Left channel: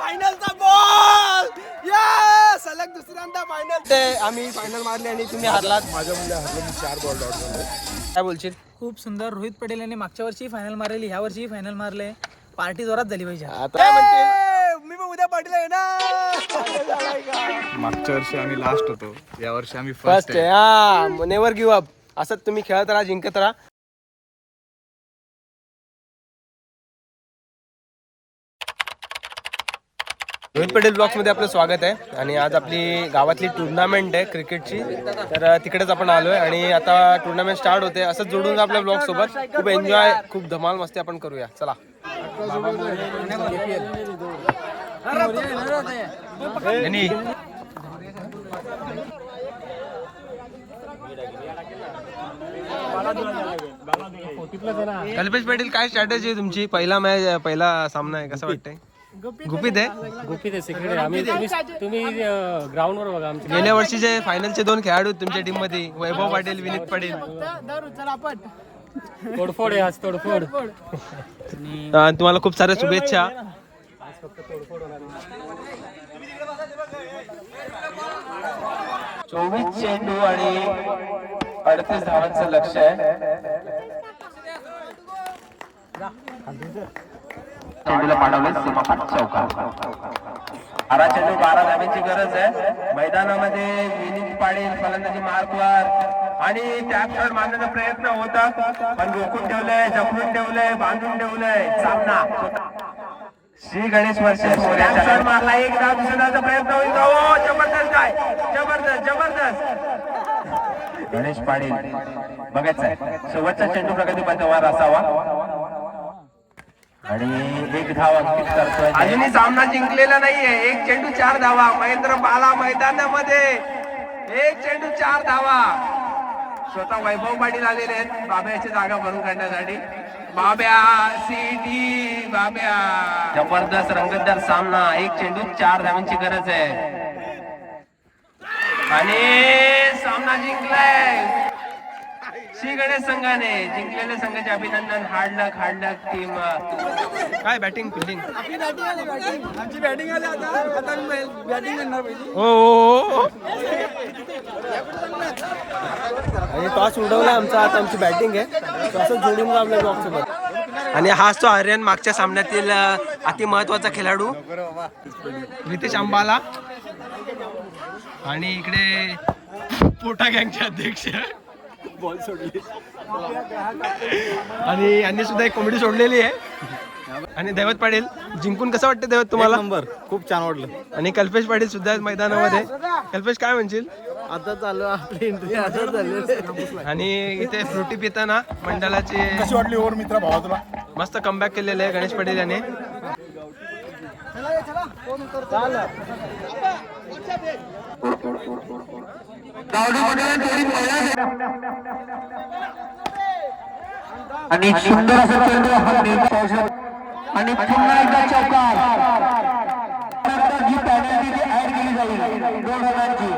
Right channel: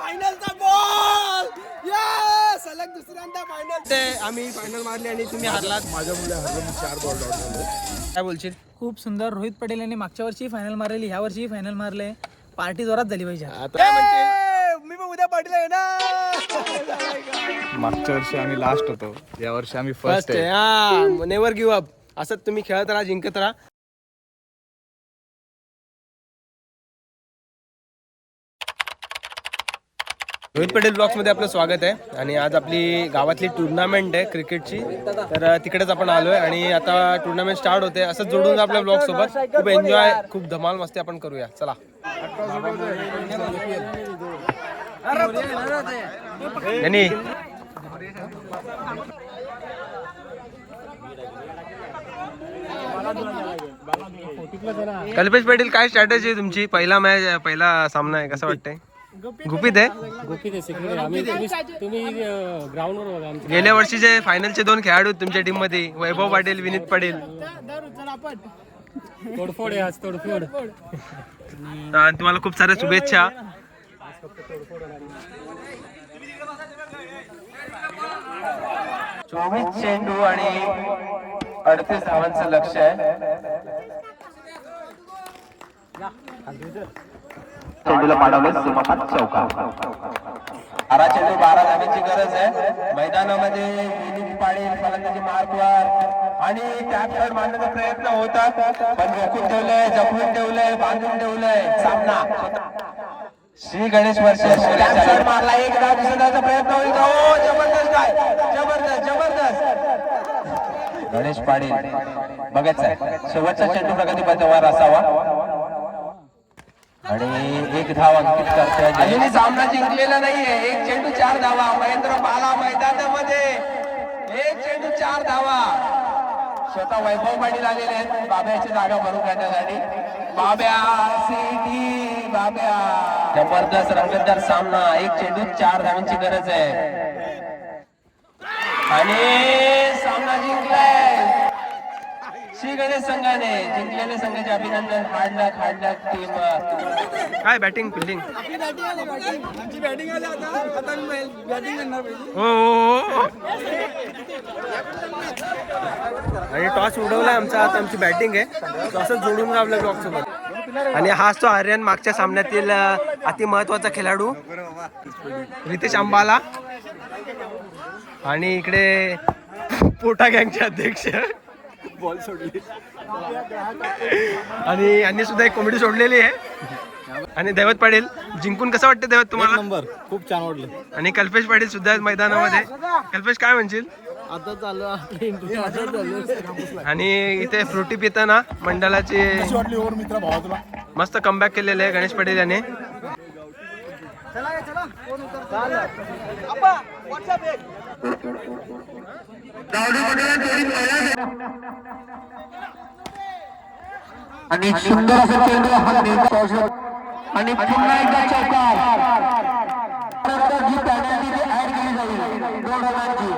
फायनलचा ball सलग दुसऱ्यांदा final. ते आम्ही फायनल मारली आणि तुम्ही हारलात. माझ्या मुले हरलो मी 4 बॉल डॉट झालो. काय बोलशील? खूप सुंदर. रोहित पटेल यांनी मागच्या वर्षी फायनल मारलेली, ह्या वर्षी फायनल मारले. पार्टी जोरात झाली पाहिजे. मी पण उद्या पार्टीला येणार. मागच्या वर्षी आम्ही लास्ट होतो, या वर्षी आम्ही फर्स्ट आहे. हा, नेव्हर गिव्ह अप. असंच तुम्ही खेळत राहा, जिंकत राहा. रोहित पटेल ब्लॉग्स मध्ये आपलं स्वागत आहे. आणि आज आपली गावातली टुर्नामेंट आहे क्रिकेटची, तर तिकडेच आपण आलोय आणि आता टुर्नामेंट स्टार्ट होते. असंच जोडून आपल्या ब्लॉग सोबत खूप एन्जॉय, खूप धमाल मस्ती आपण करूया. चला. यांनी कल्पेश पाटील, काय स्ट्रॅटेजी आहे तुमची? पहिला सामना आहे, कसं वाटतंय? गुपित आहे. सेक्रेटरी आम्ही तुम्ही ग्राउंडवर बघा. आमचे गेल्या वर्षीचे फायनलचे 2 खेळाडू तुमच्या टीम मध्ये, वैभव पाटील, विनीत पाटील. तोडफोड आहे आज, तोडफोड. तुम्हाला खूप साऱ्या शुभेच्छा. 24 चेंडू आणि 38 धावांचं लक्ष आहे. चेंडूला पाडवले सीमापाठ चौकार. 12 चेंडू 12 धावांची गरज आहे. मैदानामध्ये विनीत पाटील फलंदाजी मार्कवर आणि टॅपशॉट मारण्याचा प्रयत्न होतात, पण रोखून ठेवलंय, जपून ठेवलंय, बांधून ठेवलंय. सामना श्री गणेश वर्षे टॅपशॉट मारला, एक धाव दिसण्याचा प्रयत्न होईल. हो, जबरदस्त काय, जबरदस्त. गणेश पाटील बघायचंय, शेवटचा चेंडू प्रगती पथावर असावा आणि एक धाव अंकित करतोय. अजूनही सामना जिंकलेला नाहीये. एक चेंडू 4 धावा. महेंद्र बाला मैदानामध्ये, एक चेंडू 4 धावा. स्वतः वैभव पाटील आलेले आहेत बाब्याची जागा भरून काढण्यासाठी. बाब्या सिटी, बाब्या. जबरदस्त रंगतदार सामना. एक चेंडू 4 धावांची गरज आहे आणि सामना जिंकलाय श्री गणेश संघाने. जिंकलेल्या संघाचे अभिनंदन. हार्ड लक टीम. काय बॅटिंग फिल्डिंग? आमची बॅटिंग आली आता मी बॅटिंग करणार पहिली. हो. आणि टॉस उडवला आमचा, आता आमची बॅटिंग आहे. टॉसच जोडून आपल्या ब्लॉक सोबत. आणि हाच तो आर्यन, मागच्या सामन्यातील अति महत्वाचा खेळाडू रितेश अंबाला. आणि इकडे पोटा गँगचे अध्यक्ष बॉल सोडली आणि यांनी सुद्धा एक कॉमेडी सोडलेली आहे. आणि दैवत पाटील, जिंकून कसं वाटतं दैवत तुम्हाला? नंबर खूप छान वाटलं. आणि कल्पेश पाटील सुद्धा मैदानामध्ये. कल्पेश, काय म्हणशील? आता चालू आपली एंट्री आता झाली. आणि इथे फ्रुटी पिताना मंडळाची कशी वाटली ओव्हर मित्रा भावा तुला? मस्त कमबॅक केलेलं आहे गणेश पाटील याने. आणि सुंदर असं चेंडू आणि पुन्हा एकदा चौकार. जी पॅनल्टी ऍड केली जाईल 2 रनांची.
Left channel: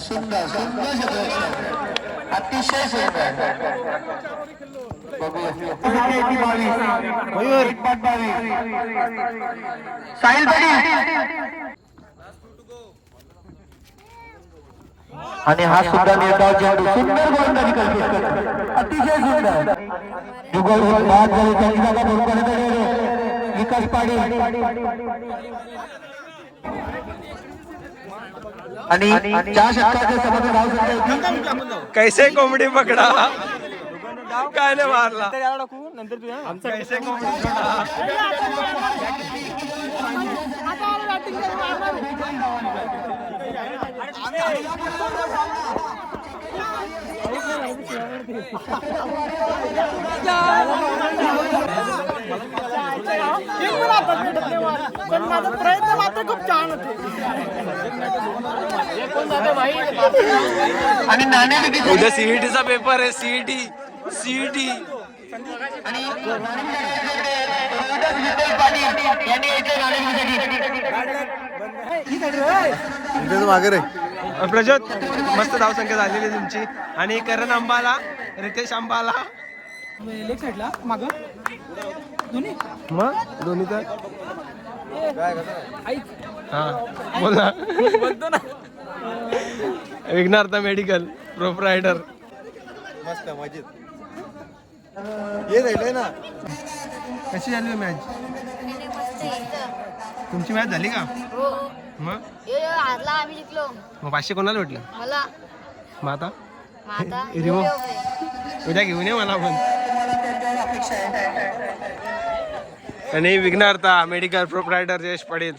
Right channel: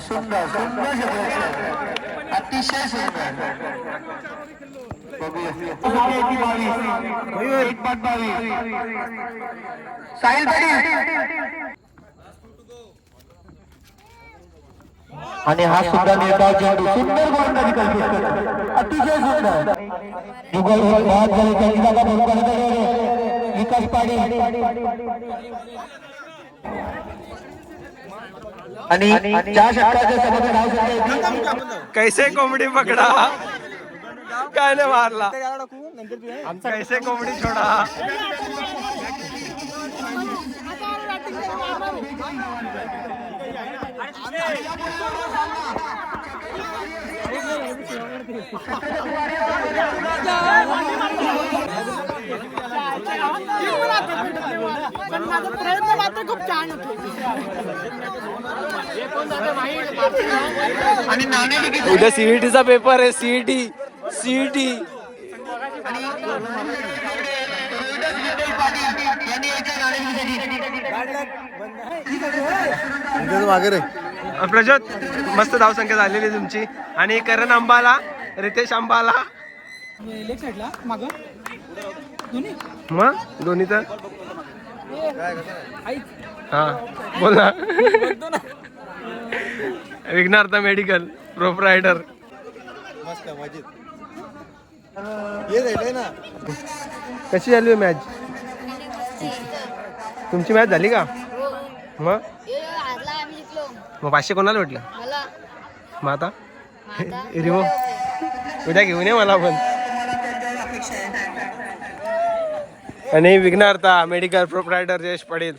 सुंदर अतिशय सुंदर. साहिल आणि हा सुद्धा निर्धाव चेंडू. सुंदर गोलंदाजी कल्पेश, अतिशय सुंदर. विकास पाटील आणि ज्या षटकाच्या समोर धाव संख्या होती. कैसे कोंबडी पकडा, काय नाही मारला. कैसे कोंबडी छोडा. पण माझा प्रयत्न मात्र खूप छान होते. उद्या सीईटीचा पेपर आहे. सीईटी मागे रे प्रज्योत मस्त धावसंख्या झालेली आहे तुमची. आणि करण अंबाला, रितेश अंबाला, लेग साईडला मागं दोन्ही मग दोन्ही तर ऐक हा बोल ना. बोलतो ना. विघ्नार्थ मेडिकल प्रोप्रायटर. मस्त मजेत ये जायलंय ना. कशी झाली मॅच? तुमची मॅच झाली का? मग हारला आम्ही जिंकलो. मग 500 कोणाला भेटलं? मला मग आता आता रिमो उद्या घेऊन ये मला पण. आणि विघ्नार्थ मेडिकल प्रोप्रायटर यश पडेल.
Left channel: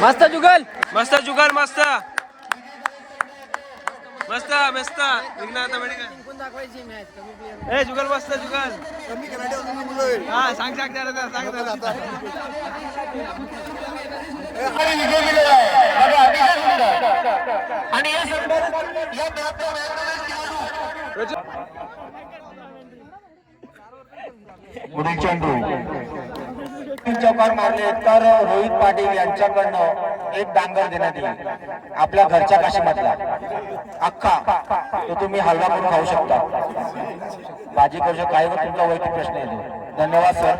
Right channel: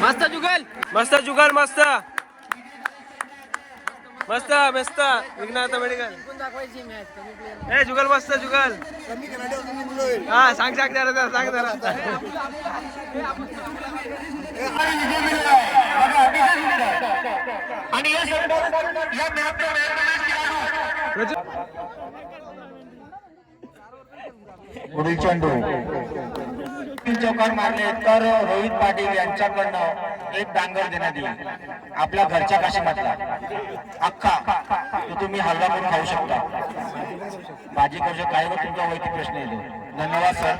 मस्त जुगल मस्त जुगल मस्त मस्त मस्त विघ्नार्थ मेडिकल. ए जुगल मस्त जुगल. हा सांग सांग जरा सांग जरा. पुढील चेंडू चौकार मारले तर रोहित पाटील यांच्याकडनं एक डांगर देण्यात येईल. आपल्या घरच्या काशीमधला अख्खा तो तुम्ही हलवा करून खाऊ शकता. भाजी कशी काय व तुमचा वैयक्तिक प्रश्न येतो. धन्यवाद सर.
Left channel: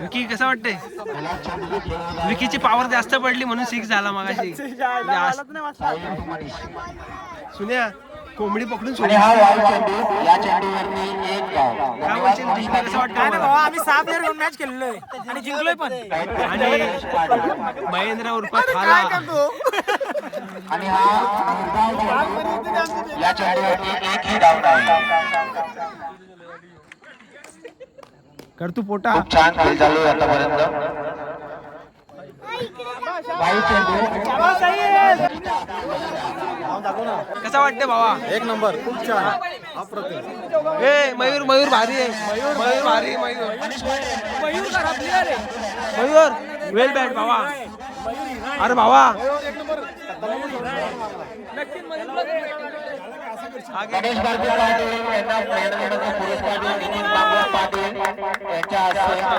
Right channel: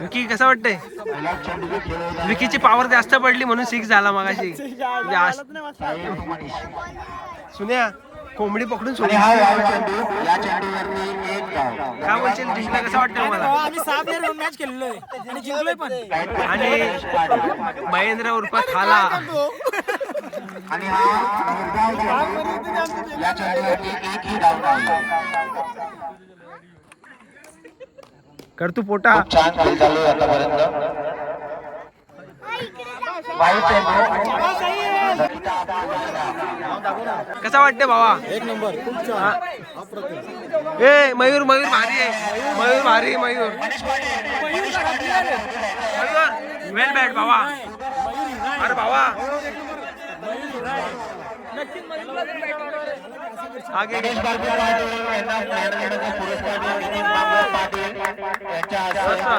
विकी कसा वाटतंय? विकीची पॉवर जास्त पडली म्हणून 6 झाला मगाशी. सुन्या कोंबडी पकडून सोडली. या चेंडूवरती एक धाव. काय बोलशील जिंकला कसं वाटतं मला? आम्ही 6 प्लेअर घेऊन मॅच खेळलोय आणि जिंकलोय पण. आणि महेंद्र उर्फ खाला आणि या चेंडूवरती एकही धाव नाही. कर तू पोटा. खूप छान खेळ चालू आहे आतापर्यंत. कसा वाटते भावा? एक नंबर खूप छान. ए मयूर मयूर भारी आहे. मयूर भारी मयूर. मयूर करा प्लेअर आहे. मयूर वेल बॅट भावा. अरे भावा आगे गणेश गारगे पाटील यांना मॅडमचा पुरस्कार देऊन बाबा पाटील यांच्या हस्ते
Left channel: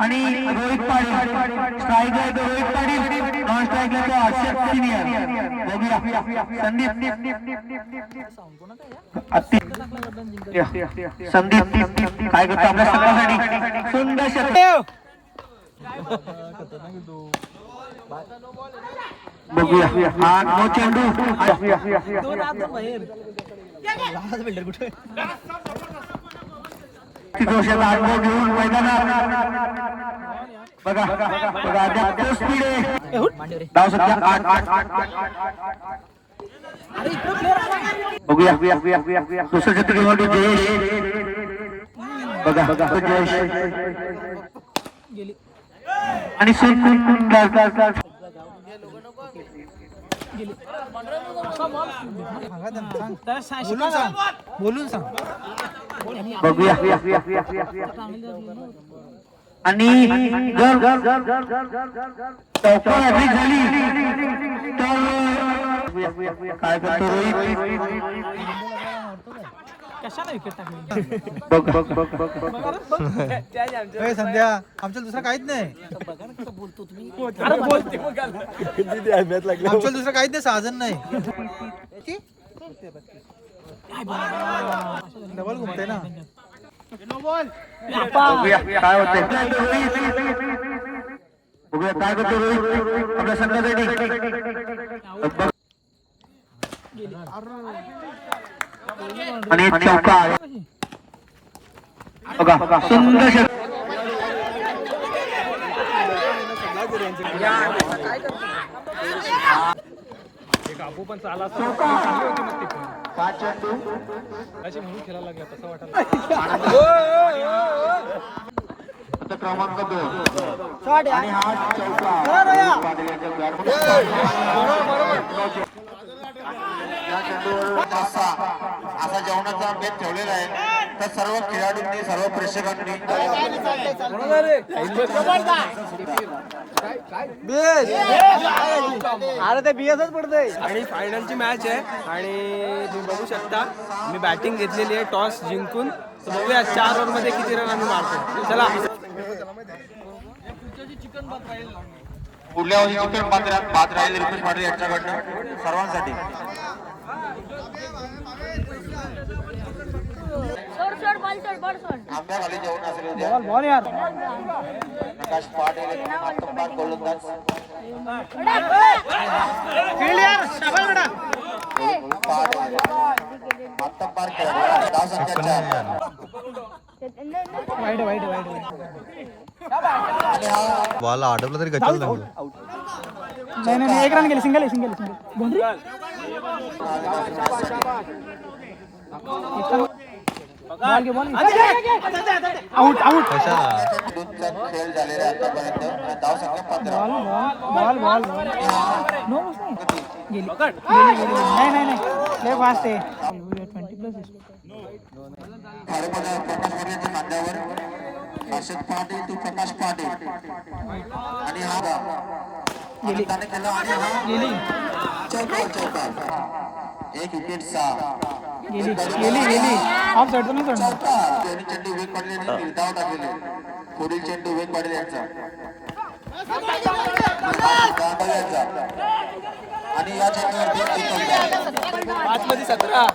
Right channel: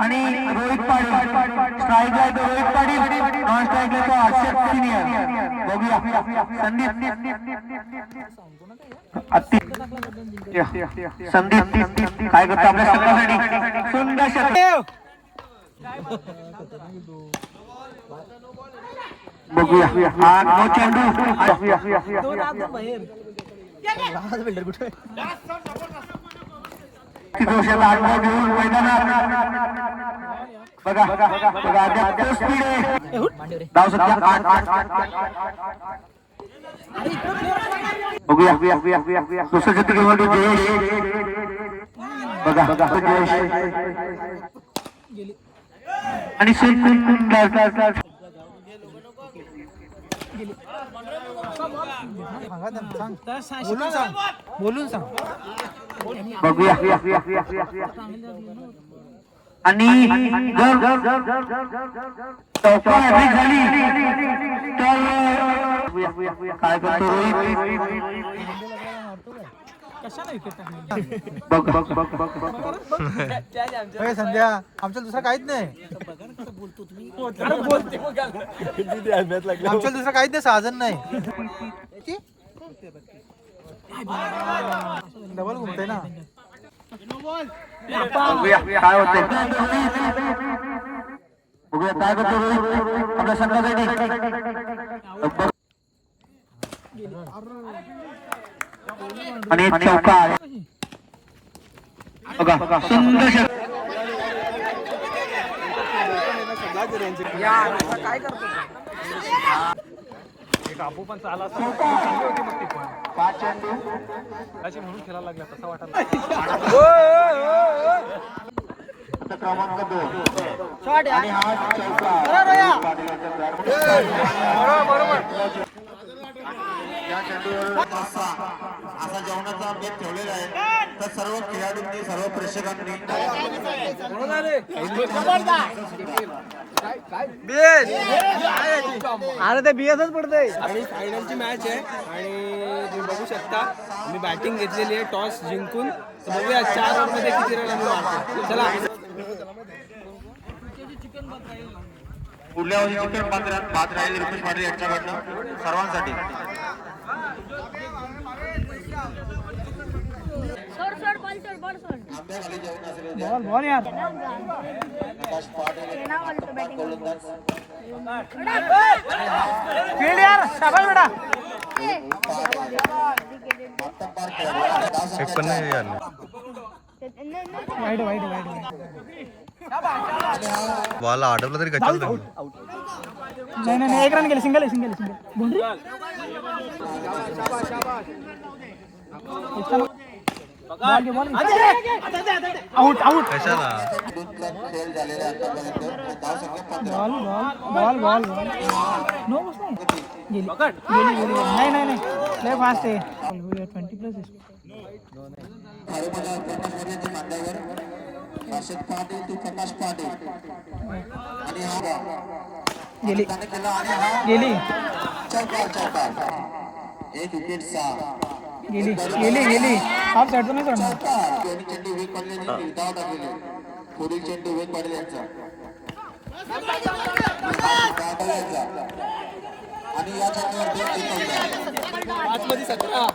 आणि रोहित पाटील स्ट्राईक आहे तो रोहित पाटील, नॉन स्ट्राईक आहे तो हर्षद सिनियर. बघूया संदीप काय करतो आपल्या सगळ्यासाठी सुंदर षटक. बघूया हा नो चेंडू. दोन आत दोन बाहेर. दोषाचा अनुभव घेऊन मैदानात बघा बघा अद्याप तो स्पीड आहे. धाव सध्या 8. बघूया दुसरं क्षेत्र जयेश. बघा जयेश आणि सुंदर बोलून सांग. बघूया आणि चौका झाली तर काय करतो रोहित. कशाला विकेट टाकली? संध्या आमच्या दुसरं काहीच नाही. अरे बोलते आमच्या दुसरं काहीच नाही. साधन नाही. डबल घुमतय ना. बघूया काय होते. बघूया काय करतो रोहित आपल्या संघासाठी. आणि चौका बघा सुंदर षटक. क्रमांक 2 आणि हा चौका असा जेवणाचा बेत ठेवलेला आहे. तर सर्व खेळाडूंनी सर्व प्रेक्षकांनी आणि फायनलची मॅच आहे आणि तुम्ही बघू शकता आम्ही बॅटिंग घेतलेली आहे टॉस जिंकून. तर बघूया 4 ओव्हरमध्ये किती रन आम्ही मारतो. चला पुढल्या वर्षी चिकन पात्र राहील रितेश पाटील यांच्याकडनं सर्वांसाठी. आंब्याखाली जेवण असेल उद्या. प्रकाश पाटील मातब्बार गोलंदाज. मातब्बार बॉल आडवला तरी गचाल नाही एक रन गेली सिंगल सिंगल आउट आउट कशाला खेळ झालेला आहे आतापर्यंत. धाव संख्या 15. बॉल बॉल नो गेली नाही फास्ट आहे 20 प्लस प्रकाश वर्याच्या मांड्यावर हर्षद पाटील तू प्रकाश पाटील आणि हा आनंदाने केला आणि हा गेली चौकार चौकार. एक विकेट 6. ऑफ साइड तुम्ही चौकार. दोन्ही चेंडू वेग पडले आणि निर्धाव टाकले. पुढील चेंडू वेग पडले यांचा आणि या चेंडूवर 5 मध्ये 17.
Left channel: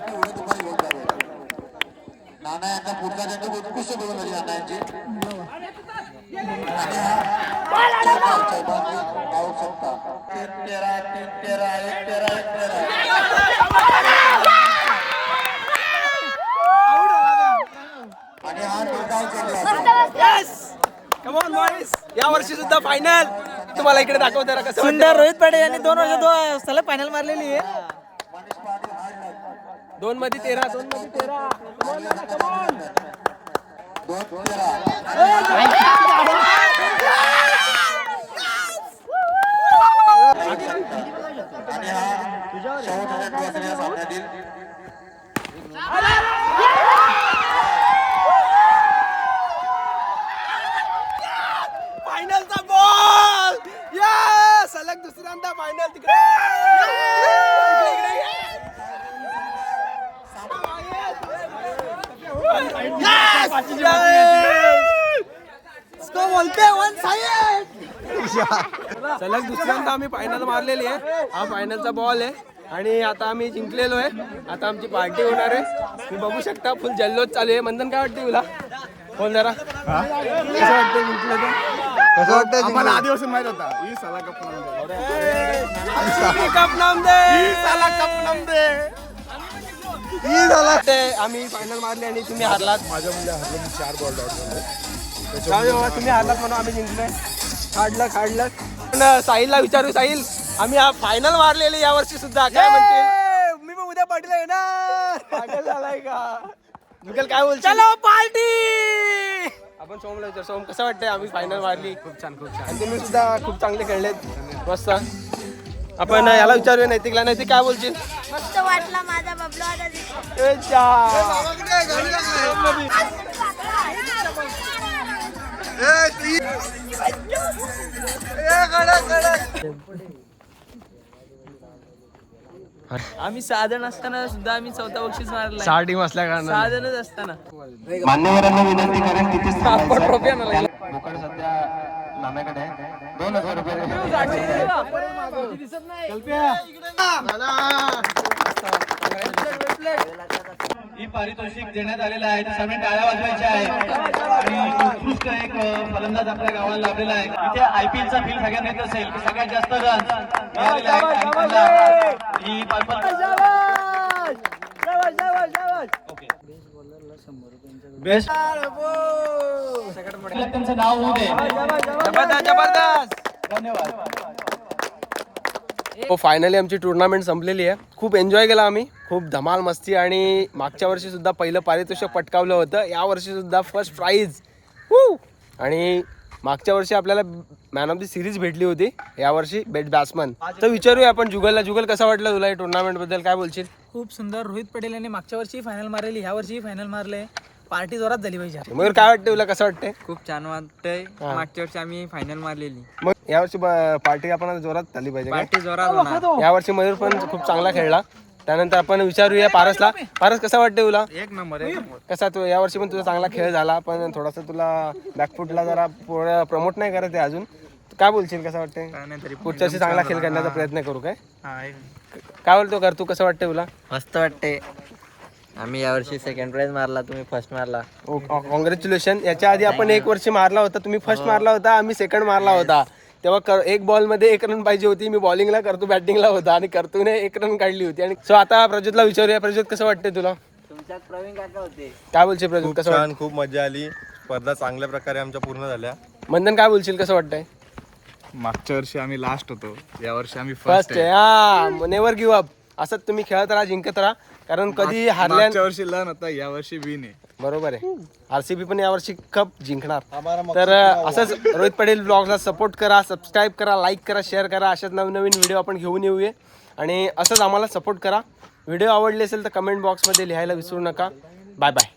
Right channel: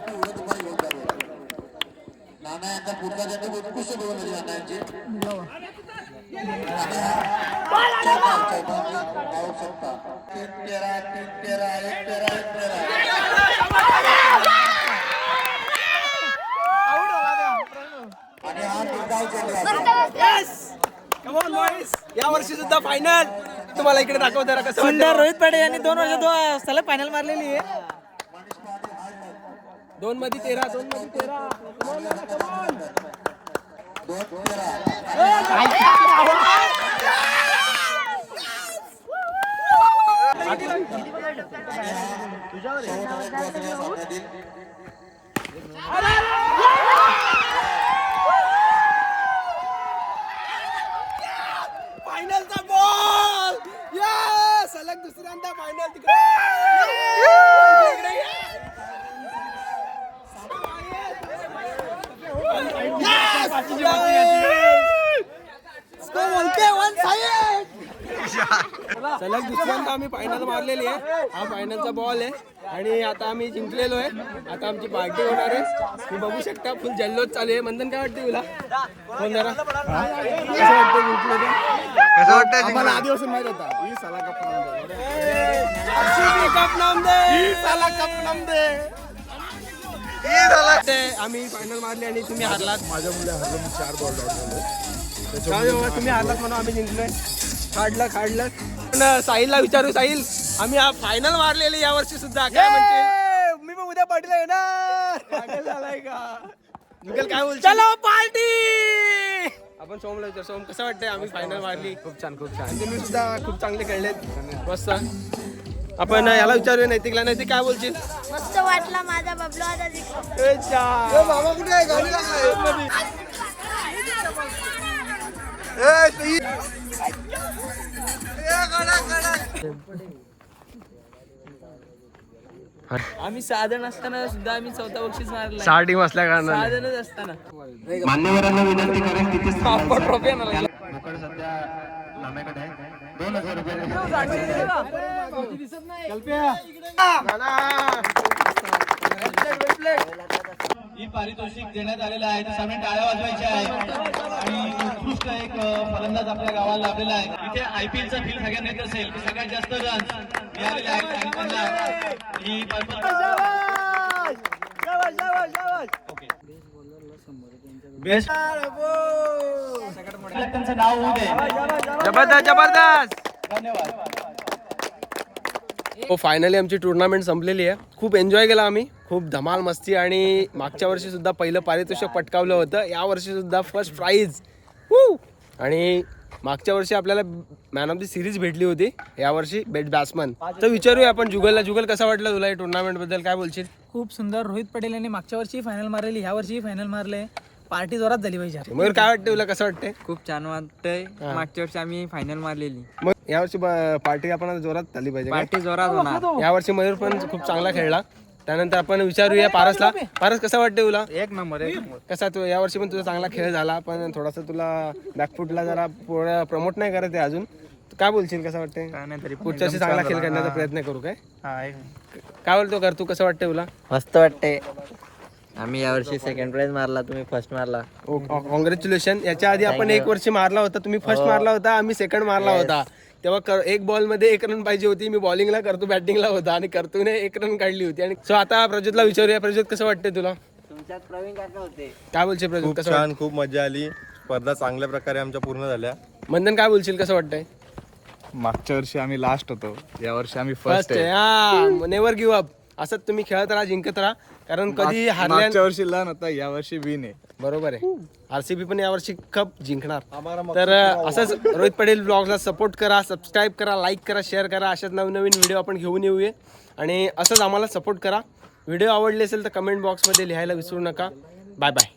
नाना यांचा पुढचा चेंडू उत्कृष्ट बघून होती नाना यांची. चौकार चौकार आऊट शकता. 3-13 3-13 1-13 1-13. आणि हा निर्धाव चेंडू कम ऑन बॉयज, या वर्षी सुद्धा फायनल तुम्हाला इकडे दाखवतो जरा कसं. सुंदर रोहित पाटील यांनी 2 वर्ष सलग फायनल मारलेली आहे. 2 मध्ये 13 2 मध्ये 13. आणि हा शेवटच्या दिवसाच्या सामन्यातील फायनलचा बॉल. या सलग दुसऱ्यांदा फायनल तिकडे. सलग दुसऱ्यांदा आम्ही फायनल मारलेली आहे. हा फायनलचा बॉल आहे आणि आता आम्ही जिंकलेलो आहे. आता आमची पार्टी होणार आहे. तुम्ही बघू शकता फुल जल्लोष चालू आहे. मंदन काय वाटते तुला? फोन जरा कसं वाटतं जिंकलं ते? कसं वाटतं आम्हाला आधीपासून माहित होता ही साला कप नाम दे. आम्ही फायनल मारले आणि तुम्ही हारलात. माझ्या मुले हरलो मी 4 बॉल डॉट झालोय. तुम्ही हारलात म्हणून आम्ही जिंकलोय. काढलं पण साहिलला विचारू. साहिल, आम्ही फायनल मारलेली या वर्षी सुद्धा, काय म्हणते? मी पण उद्या पाटील आहे ना. पाटील झालाय का? जुगल काय बोल? चलो पार्टी. आपण सोमला विचार. सोम कसं वाटतंय? आम्ही फायनल मारली. खूप छान आणि तुम्ही सुद्धा खूप चांगले खेळलेत. मस्त. आपण याला विचारूया नैतिकला. नैतिक काय बोलशील? मस्त वाटला माझा बबलू आता आम्ही साधन असताना सुद्धा आम्ही 4था बक्षीस मारला. 6 टीम असल्या कारणाने साधनच असताना मान्यवरांना विनंती करेन तिथेच मोकळ सध्या लांब्याकडे आहे. 2000 रुपये ही पारितोषिक देण्यात आलेलं आहे. त्या सर्वांनी टाळ्या वाजवायच्या आहेत आणि उत्कृष्ट एक फलंदाज आपल्या गावाला लाभलेला आहे. इथे IPLचा बिल सगळ्यात माहिती असेल की सगळ्यात जास्त रन मिळालेले आहेत. बेस्ट त्यांचं नाव होऊ दे. जबरदस्त जबरदस्त. धन्यवाद. हो फायनली आमची टुर्नामेंट संपलेली आहे. खूप एन्जॉय केला आम्ही, खूप धमाल मस्ती. आणि मागच्या वर्षी सुद्धा पहिलं पारितोषिक पटकावलं होतं, या वर्षी सुद्धा फर्स्ट प्राइज. आणि मागच्या वर्षी आपल्याला मॅन ऑफ द सिरीज भेटली होती, यावर्षी बेस्ट बॅट्समन. तर विचारूया आपण जुगलला. जुगल कसं वाटलं तुला टुर्नामेंट बद्दल, काय बोलशील? खूप सुंदर. रोहित पटेल यांनी मागच्या वर्षी फायनल मारलेली, ह्या वर्षी फायनल मारले. पार्टी जोरात झाली पाहिजे. मयूर काय वाटतं तुला, कसं वाटतंय? खूप छान वाटतंय. मागच्या वर्षी आम्ही फायनल मारलेली, मग यावर्षी पार्टी आपण जोरात झाली पाहिजे काय? पार्टी जोरात होणार. यावर्षी मयूर पण खूप चांगला खेळला. त्यानंतर आपण विचारूया पारसला. पारस कसं वाटतं तुला? एक नंबर एक नंबर. कसा तू यावर्षी पण तुझा चांगला खेळ झाला, पण थोडासा तुला बॅकफुटला जरा पुढे प्रमोट नाही करत आहे अजून. काय बोलशील, कसं वाटतंय? काय नाही तरी पुढच्या वर्षी चांगला खेळ करण्याचा प्रयत्न करू काय? हा, काय बोलतो कर तू, कसं वाटतंय तुला? मस्त वाटतंय. आम्ही यावर्षी सेकंड प्राइज मारला, तुम्ही फर्स्ट मारला. कॉंग्रॅच्युलेशन. याच्या आधी आपण एक वर्षी मारला होता, तुम्ही फर्स्ट मारला होता, आम्ही सेकंड मारला होता. तेव्हा एक बॉल मध्ये 1 रन पाहिजे होती. मी बॉलिंगला, करतो बॅटिंगला होता आणि करतूने 1 रन काढली होती. आणि सो आता प्रज्योतला विचारूया. प्रज्योत कसं वाटतंय तुला? तुमच्यात प्रवीण काका होते. काय बोलशील प्रज्योत, कसं वाटतं? खूप मजा आली. स्पर्धा चांगल्या प्रकारे आमच्या पूर्ण झाल्या. मंदन काय बोलशील, कसं वाटतंय? मागच्या वर्षी आम्ही लास्ट होतो, या वर्षी आम्ही फर्स्ट आहे. हा, नेव्हर गिव्ह अप. असंच तुम्ही खेळत राहा, जिंकत राहा, कारण कधी हारल्या. मागच्या वर्षी लन होता, या वर्षी विन आहे. बरोबर आहे. RCB पण यावर्षी कप जिंकणार. तर असंच रोहित पटेल ब्लॉगला सपोर्ट करा, सबस्क्राईब करा, लाईक करा, शेअर करा. अशाच नवीन नवीन व्हिडिओ आपण घेऊन येऊया आणि असंच आम्हाला सपोर्ट करा. व्हिडिओ आवडले असेल तर कमेंट बॉक्समध्ये लिहायला विसरू नका. Bye bye.